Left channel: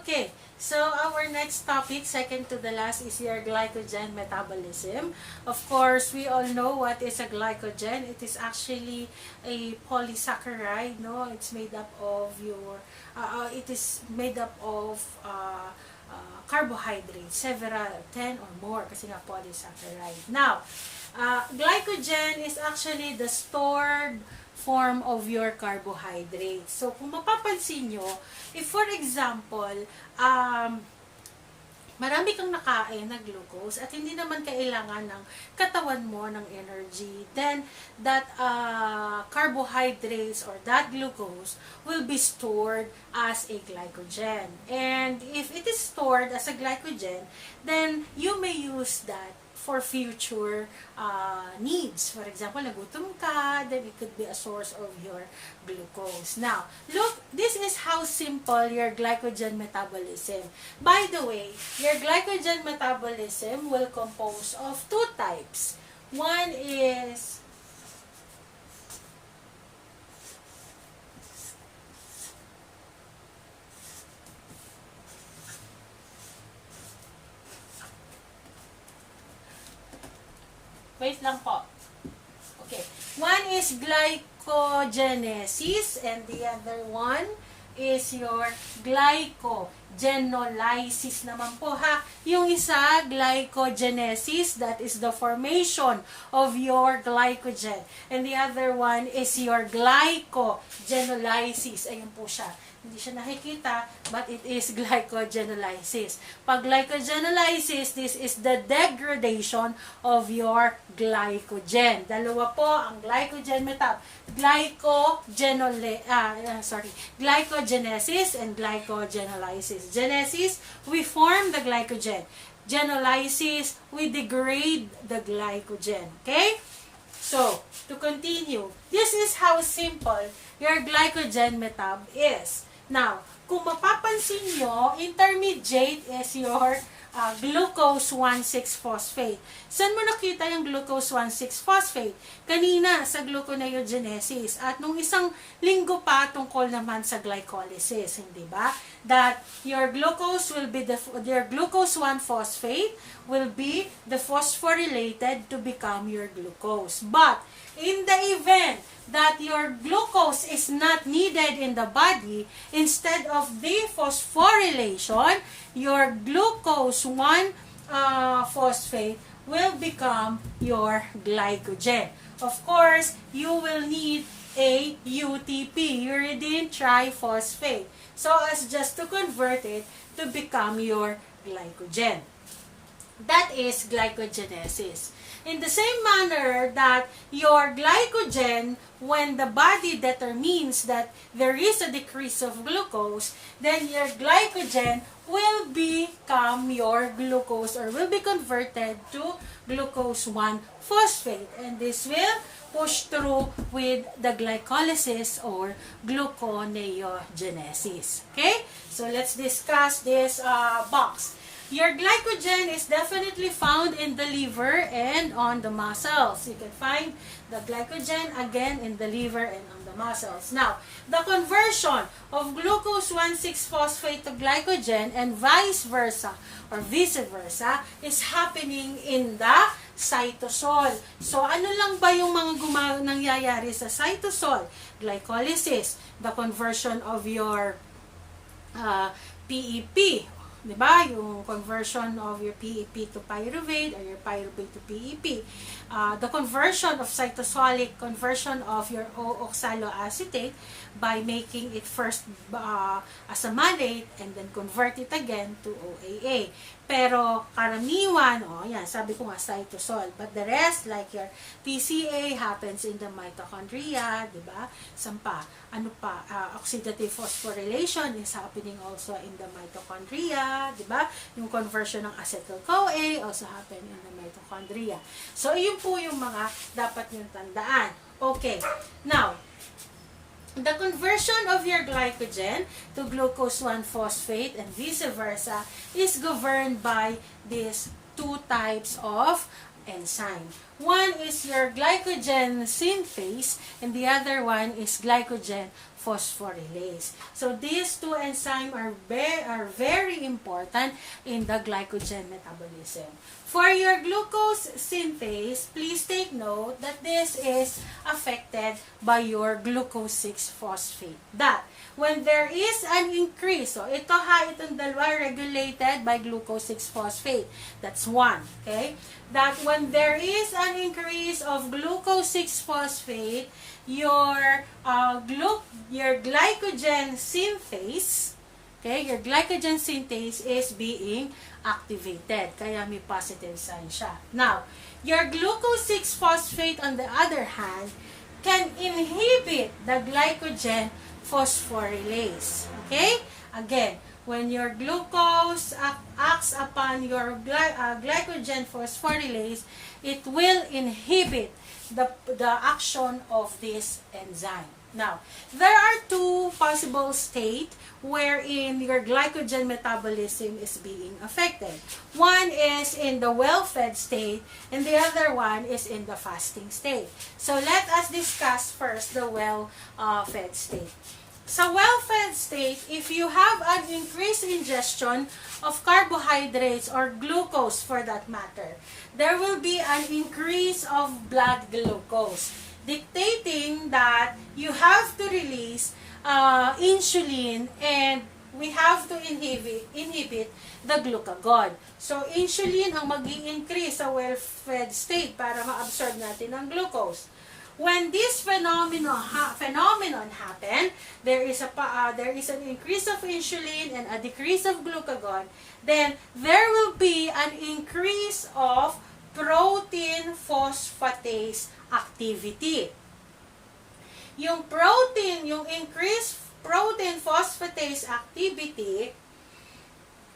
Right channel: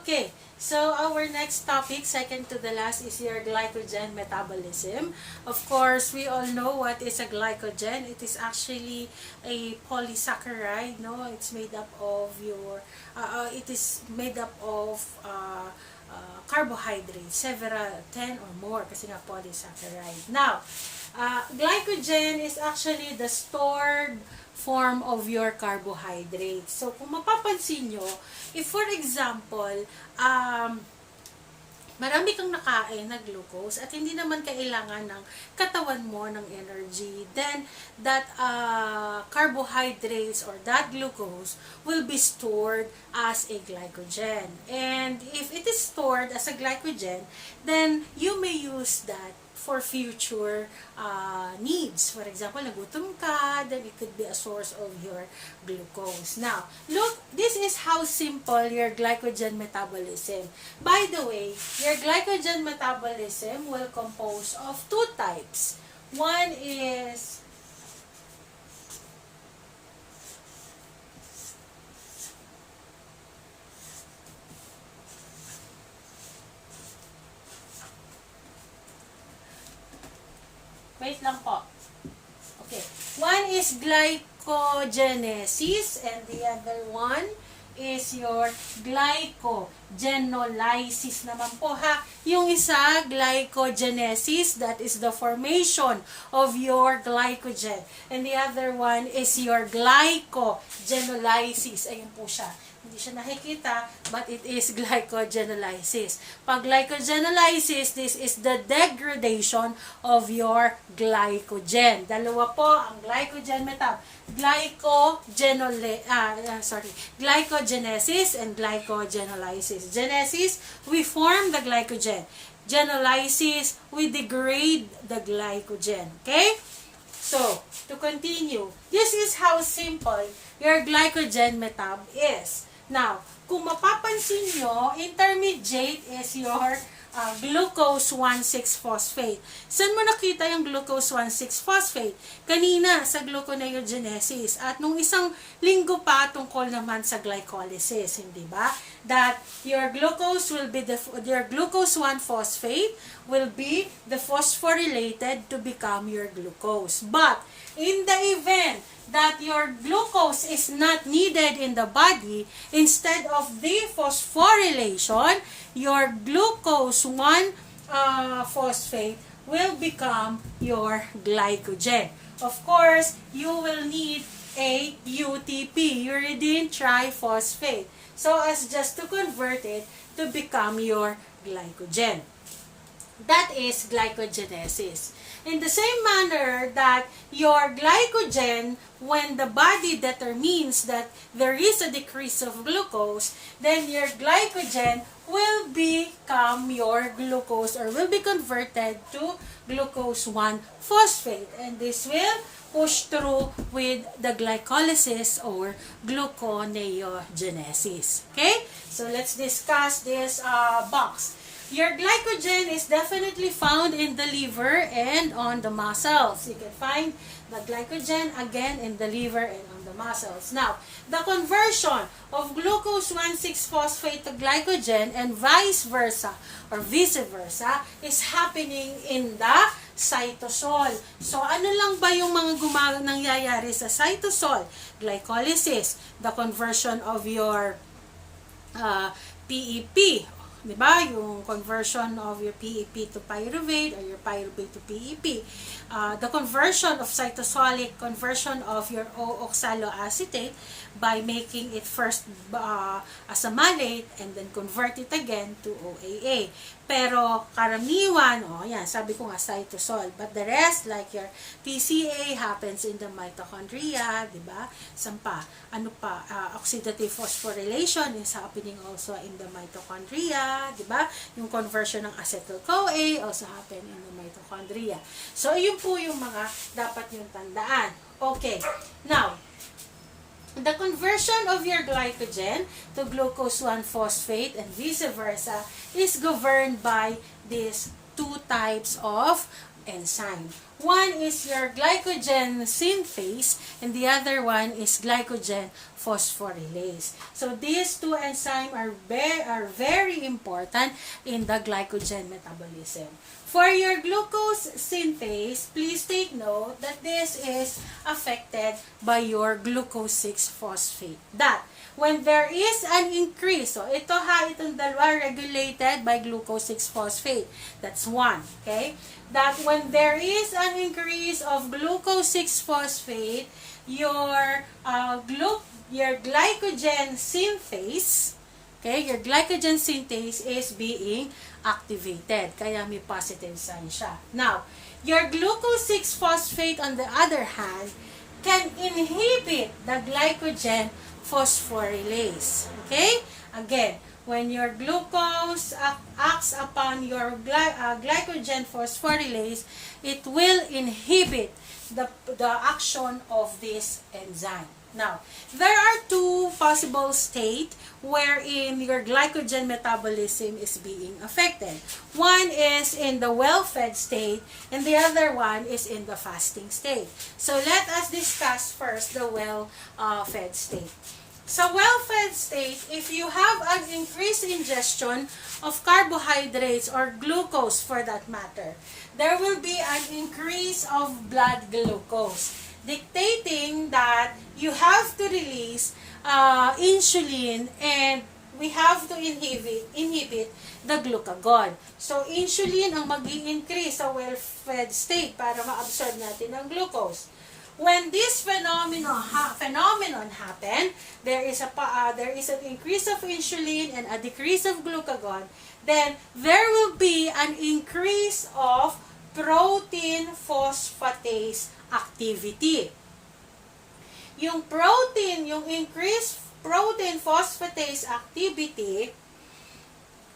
Okay, so our next topic, second to the last, is your glycogen metabolism. Of course, we all know what is a glycogen. It is actually a polysaccharide, no? It's made up of carbohydrates, several, 10 or more, kasi nga polysaccharide. Now, glycogen is actually the stored form of your carbohydrates. So, kung mapapansin nyo, if for example, marami kang nakain na glucose at hindi naman kailangan ng katawan mo ng energy, then that carbohydrates or that glucose will be stored as a glycogen. And if it is stored as a glycogen, then you may use that for future needs. For example, nagutom ka, then it could be a source of your glucose. Now, look, this is how simple your glycogen metabolism. By the way, your glycogen metabolism will compose of two types. One is wait lang po. Okay. One is glycogenesis and the other one is your glycogenolysis naman po ha. Yung isa, glycogenesis, that is the formation of your glycogen. And the other one is your glycogenolysis. Ayun po siya. Hindi siya nakikita, but it is glycogenolysis. Pag glycogenolysis, this is the degradation of your glycogen. Dalawa po ang glycogen glycogenesis and glycogenolysis. Genesis, we form the glycogen. Genolysis, we degrade the glycogen. Okay? So, to continue, this is how simple your glycogen metab is. Now, kung mapapansin nyo, intermediate is your glucose 1,6-phosphate. Saan mo nakita yung glucose 1,6-phosphate? Kanina, sa gluconeogenesis. At nung isang linggo pa, tungkol naman sa glycolysis, hindi ba? That your glucose 1-phosphate will be the phosphorylated to become your glucose. But, in the event that your glucose is not needed in the body, instead of the phosphorylation, your glucose 1-phosphate will become your glycogen. Of course, you will need a UTP, uridine triphosphate, so as just to convert it to become your glycogen. That is glycogenesis. In the same manner that your glycogen, when the body determines that there is a decrease of glucose, then your glycogen will become your glucose or will be converted to glucose 1-phosphate. And this will push through with the glycolysis or gluconeogenesis. Okay? So let's discuss this box. Your glycogen is definitely found in the liver and on the muscles. You can find the glycogen again in the liver and on the muscles. Now, the conversion of glucose 1,6-phosphate to glycogen and vice versa is happening in the cytosol. So, ano lang ba yung mga nangyayari sa cytosol? Glycolysis, the conversion of your PEP, diba? Yung conversion of your PEP to pyruvate or your pyruvate to PEP. The conversion of cytosolic conversion of your oxaloacetate by making it first as a malate and then convert it again to OAA. Pero karamiwan, yan, sabi ko nga cytosol. But the rest, like your PCA, happens in the mitochondria, diba? Oxidative phosphorylation is happening also in the mitochondria, diba? Yung conversion ng acetyl-CoA also happen in the mitochondria. So, yun po yung mga dapat yung tandaan. Okay. Now, the conversion of your glycogen to glucose 1-phosphate and vice versa is governed by these two types of enzyme. One is your glycogen synthase, and the other one is glycogen phosphorylase. So these two enzymes are very important in the glycogen metabolism. For your glucose synthase, please take note that this is affected by your glucose 6-phosphate. That when there is an increase, so itong dalawa regulated by glucose 6-phosphate. That's one, okay? That when there is an increase of glucose 6-phosphate, your glycogen synthase, okay, your glycogen synthase is being activated. Kaya may positive sign siya. Now, your glucose 6-phosphate on the other hand can inhibit the glycogen phosphorylase. Okay? Again, when your glucose acts upon your glycogen phosphorylase, it will inhibit the action of this enzyme. Now, there are two possible states wherein your glycogen metabolism is being affected. One is in the well-fed state, and the other one is in the fasting state. So let us discuss first the well-fed state. Sa well-fed state, if you have an increased ingestion of carbohydrates or glucose for that matter, there will be an increase of blood glucose, dictating that you have to release insulin, and we have to inhibit the glucagon. So, insulin ang mag-i-increase sa well-fed state para ma-absorb natin ang glucose. When this phenomenon happen, there is an increase of insulin and a decrease of glucagon. Then there will be an increase of protein phosphatase activity. Yung increased protein phosphatase activity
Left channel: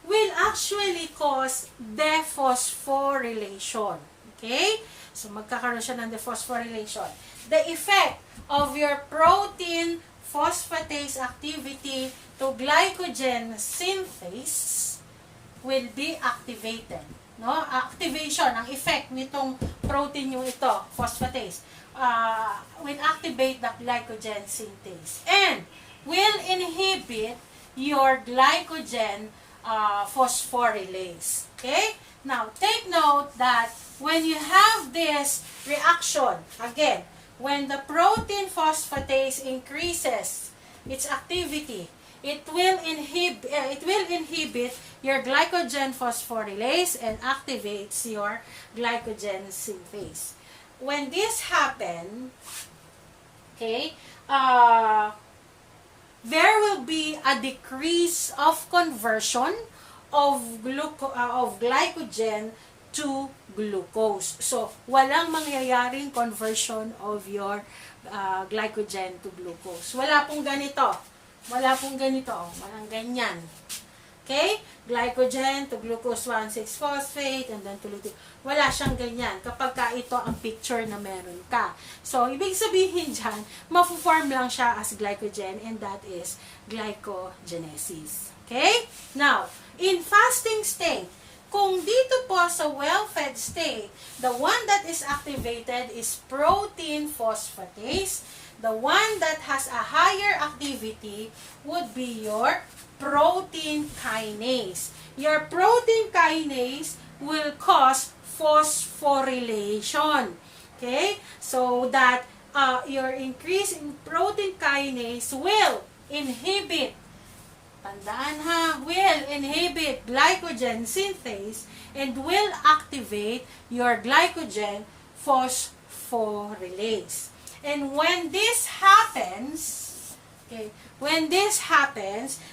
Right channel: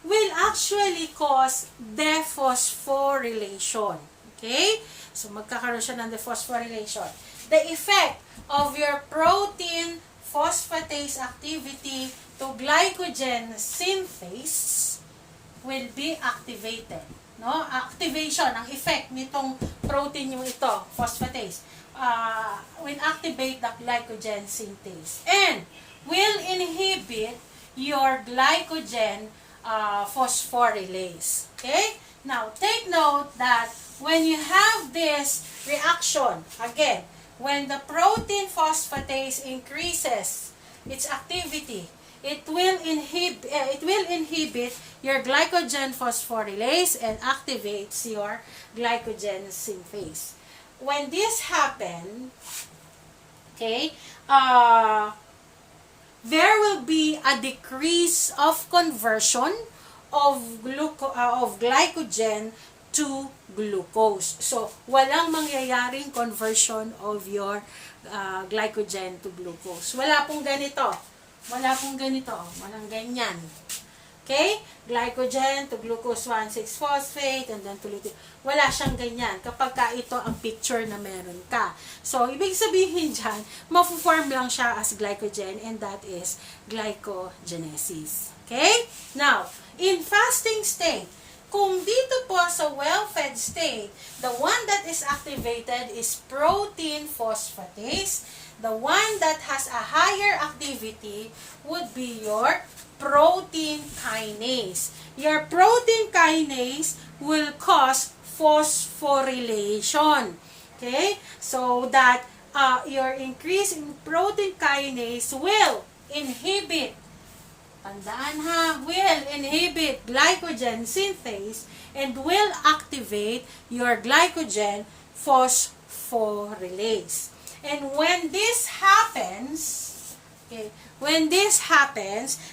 will actually cause dephosphorylation. Okay? So, magkakaroon siya ng dephosphorylation. The effect of your protein phosphatase activity to glycogen synthase will be activated. No? Activation, ang effect nitong protein yung ito, phosphatase, will activate the glycogen synthase and will inhibit your glycogen phosphorylase. Okay? Now, take note that when you have this reaction, again, when the protein phosphatase increases its activity, it will inhibit your glycogen phosphorylase and activates your glycogen synthase. When this happens, okay, there will be a decrease of conversion of glycogen to glucose. So, walang mangyayaring conversion of your glycogen to glucose. Wala pong ganito. Walang ganyan. Okay? Glycogen to glucose 1,6-phosphate and then tuloy. Wala siyang ganyan kapag ka ito ang picture na meron ka. So, ibig sabihin dyan, mafu-form lang siya as glycogen, and that is glycogenesis. Okay? Now, in fasting state, kung dito po sa well-fed state, the one that is activated is protein phosphatase. The one that has a higher activity would be your protein kinase. Your protein kinase will cause phosphorylation. Okay? So that your increase in protein kinase will inhibit, tandaan ha, will inhibit glycogen synthase and will activate your glycogen phosphorylase. And when this happens, okay,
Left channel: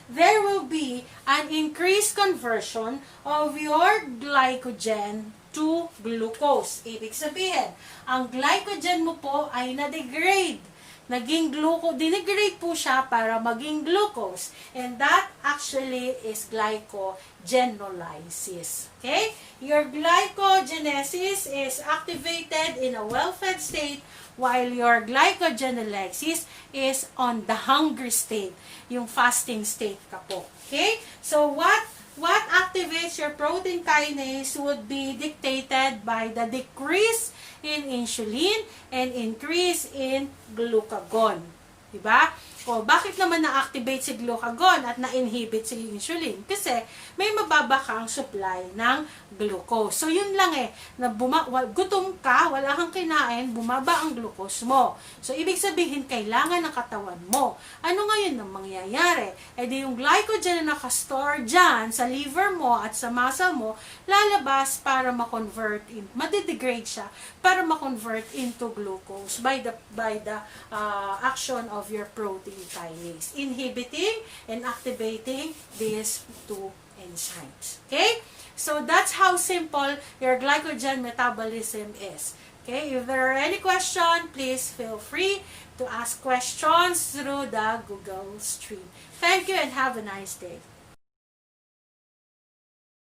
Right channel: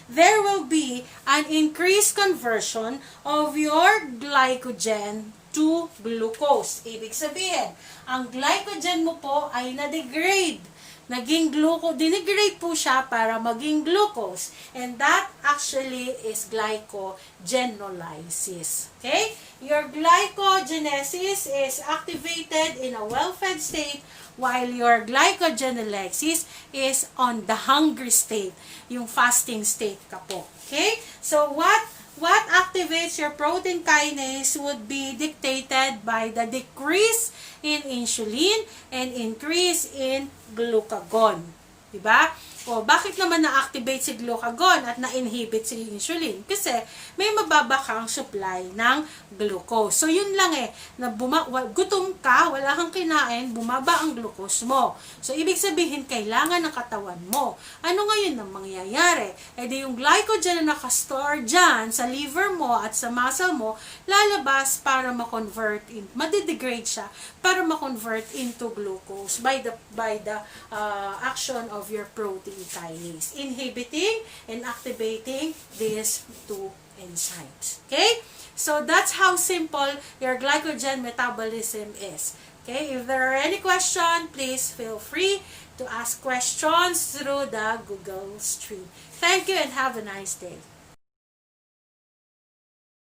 there will be an increased conversion of your glycogen to glucose. Ibig sabihin, ang glycogen mo po ay na-degrade. Dinigrade po siya para maging glucose. And that actually is glycogenolysis. Okay? Your glycogenesis is activated in a well-fed state, while your glycogenolysis is on the hungry state, yung fasting state ka po. Okay? So, what activates activates your protein kinase would be dictated by the decrease in insulin and increase in glucagon. Diba? O, bakit naman na-activate si glucagon at na-inhibit si insulin? Kasi may mababa kang supply ng glucose. So, yun lang na gutom ka, wala kang kinain, bumaba ang glucose mo. So, ibig sabihin, kailangan ng katawan mo. Ano ngayon ang mangyayari? Di yung glycogen na nakastore dyan sa liver mo at sa muscle mo, lalabas para ma-convert, madidegrade siya, para ma-convert into glucose by the action of your protein kinase, inhibiting and activating these two enzymes. Okay? So that's how simple your glycogen metabolism is. Okay? If there are any questions, please feel free to ask questions through the Google stream. Thank you and have a nice day.